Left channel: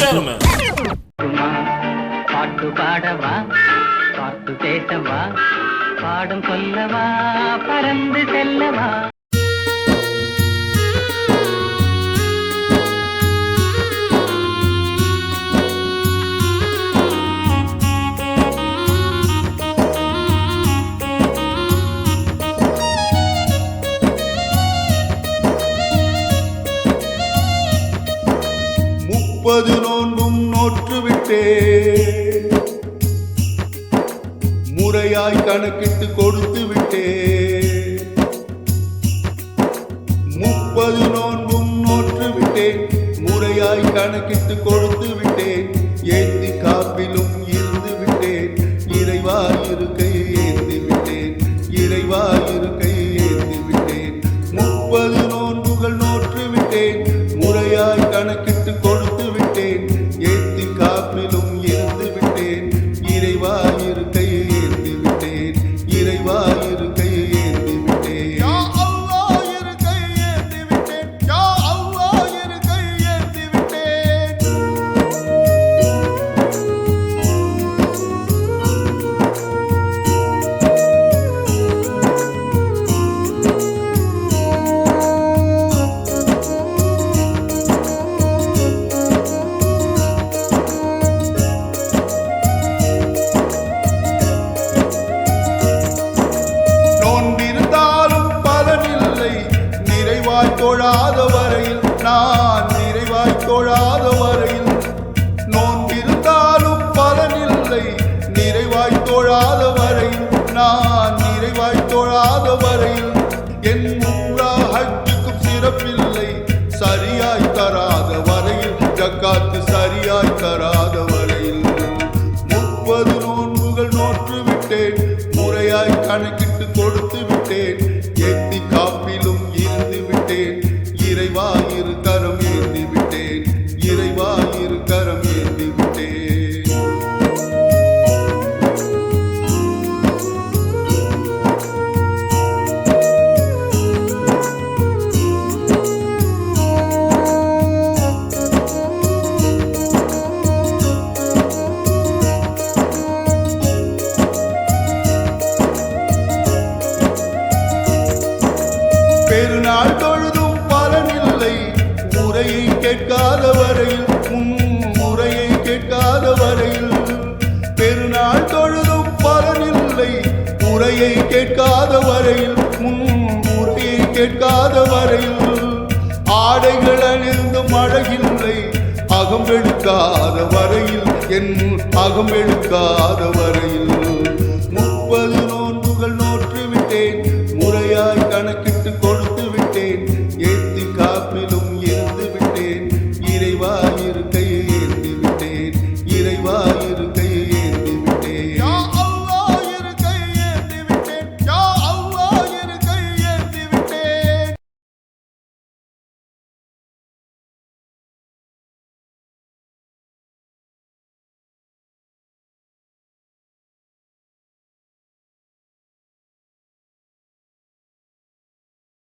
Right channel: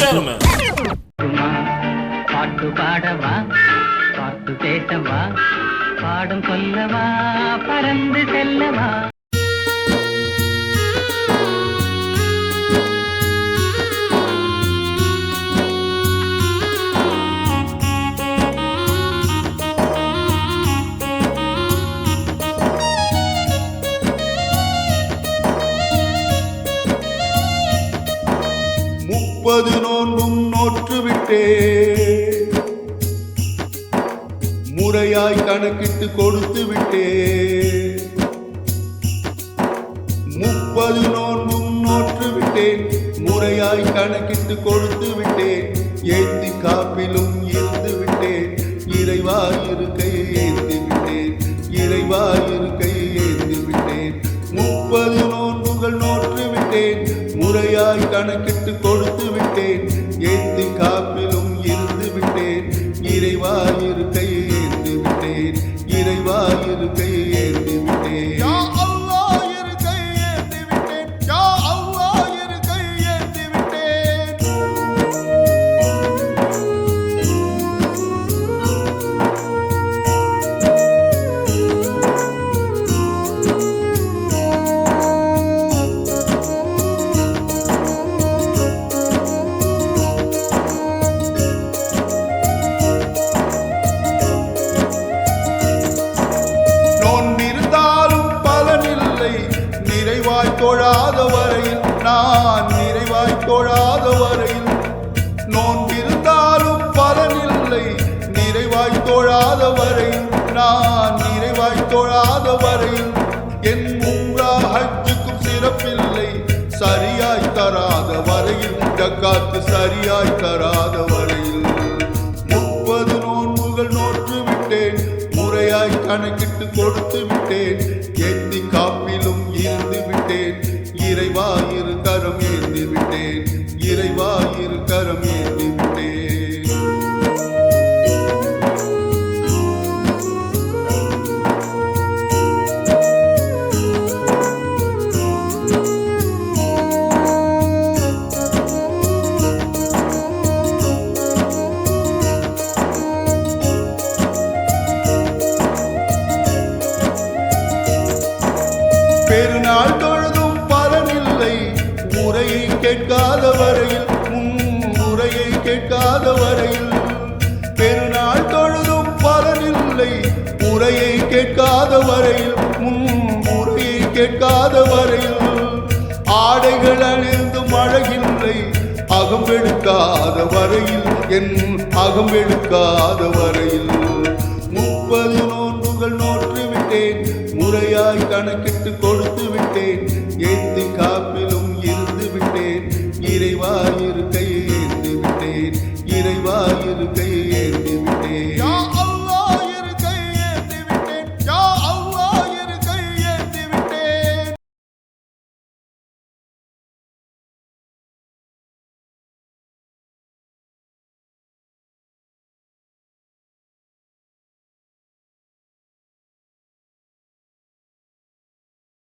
gentlemen. பாட்டு பாடவா, பாட்டு பேசவா, பாடும் சொல்லவா, பறந்து செல்லவா. முப்பது நோன்பும் நோற்றுவிட்டே, முறையாய் கணக்கிட்டு கொடுத்து விட்டே. 30 நோன்பும் நோற்றுவிட்டேன், முறையாய் கணக்கிட்டு கொடுத்து விட்டேன். ஏந்தி காப்பிலும் இருந்து விட்டேன், இறைவா இருக்கையை ஏந்தி விட்டேன், இறைவா இருக்கையை ஏந்தி விட்டேன். 30 நோன்புகள் நோற்றுவிட்டேன், முறையாய் கணக்கிட்டு கொடுத்து விட்டேன். ஏந்தி காப்பிலும் இருந்து விட்டேன், இறைவா இருக்கையை ஏந்தி விட்டேன், இறைவா இருக்கையை ஏந்தி விட்டேன். யா அல்லாஹ் இருக்கையை ஏந்தி விட்டேன், யா அல்லாஹ் இருக்கையை ஏந்தி விட்டேன். நோன்பிருந்தாலும் பலனில்லை, நிறைவாய் தொழாத வரையில், நான் நிறைவாய் தொழாத வரையில். நோன்பிருந்தாலும் பலனில்லை, நிறைவாய் தொழாத வரையில், நான் நிறைவாய் தொழாத வரையில். என் உம்ரா ஹஜ்ஜுக்கும் சிறப்பில்லை, சரியாய் தராத வரையில், ஜக்காத்து சரியாய் தராத வரையில். 30 நோன்புகள் நோற்று விட்டேன், முறையாய் கணக்கிட்டு கொடுத்து விட்டேன். ஏந்தி காப்பிலும் இருந்து விட்டேன், இறைவா இரு கரம் ஏந்தி விட்டேன், இறைவா இரு கரம் ஏந்தி விட்டேன். பெருநாள் தொழுதும் பலனில்லை, முறையை கேட்காத வரையில், முறையை கேட்காத வரையில். பெருநாள் தொழுதும் பலனில்லை, முறையை கேட்காத வரையில், முறையை கேட்காத வரையில். ஆடைகள் அணிந்து மழையில்லை, அகம்பெடுக்காத வரையில், என் அகம்பெடுக்காத வரையில். 30 நோன்புகள் நோற்று விட்டேன், முறையாய் கணக்கிட்டு கொடுத்து விட்டேன். ஏந்தி காப்பிலும் இருந்து விட்டேன், இறைவா இருக்கையை ஏந்தி விட்டேன், இறைவா இருக்கையை ஏந்தி